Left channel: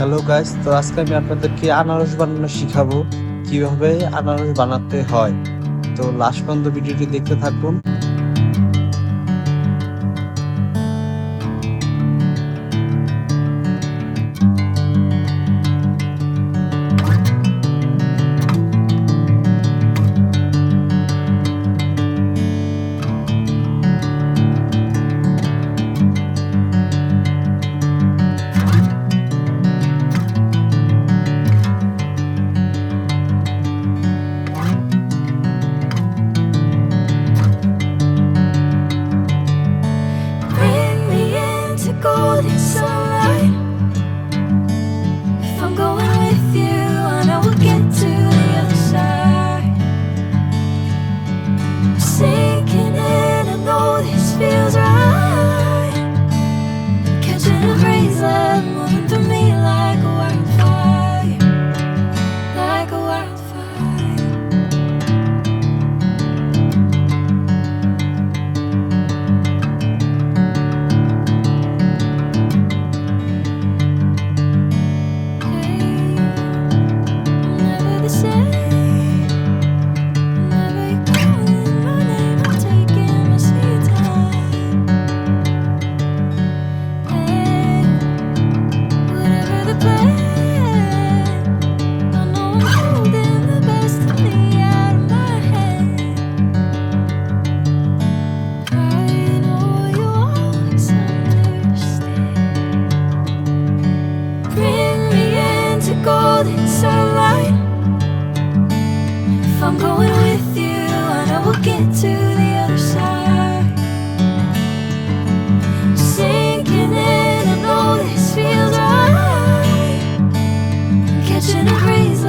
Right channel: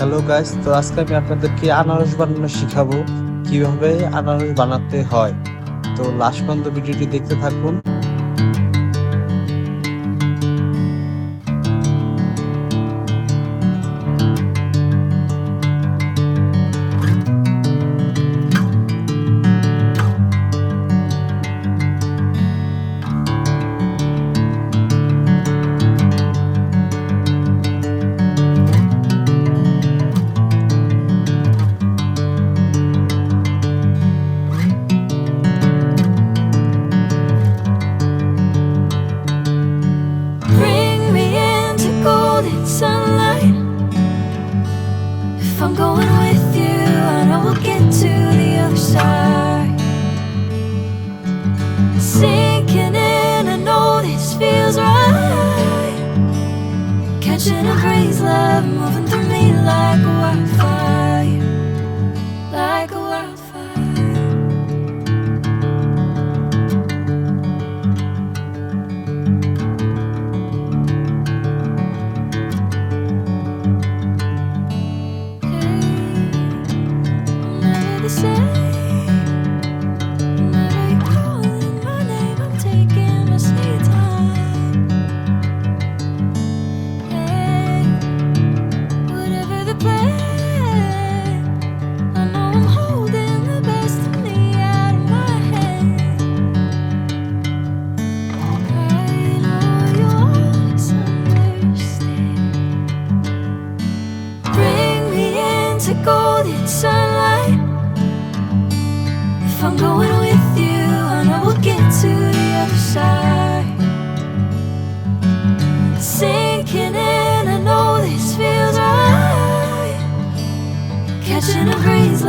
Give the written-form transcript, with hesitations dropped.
Hello guys, তো আজকে আমি আপনাদেরকে আনারস বানানো শিখাবো। কিভাবে আনারস বানাতে হয়। তো লাস্ট পর্যন্ত ভিডিওটি দেখতে থাকুন। Bring me into golden sunlight. If I'm going with you, I know we'll get to the other side. Sinking in, I know this feels right. Catching a crazy love moving through me like a wildfire, like a wildfire. I'm never the same. Whenever you're calling my name, I'm taking my sweet time. Hey, whatever the plan, I know I'm holding the best of me out of my hand. I know you'll always understand. Bring me into golden sunlight. If I'm going with you, I know we'll get to the other side. Sinking in, I know this feels right. Catching a breeze.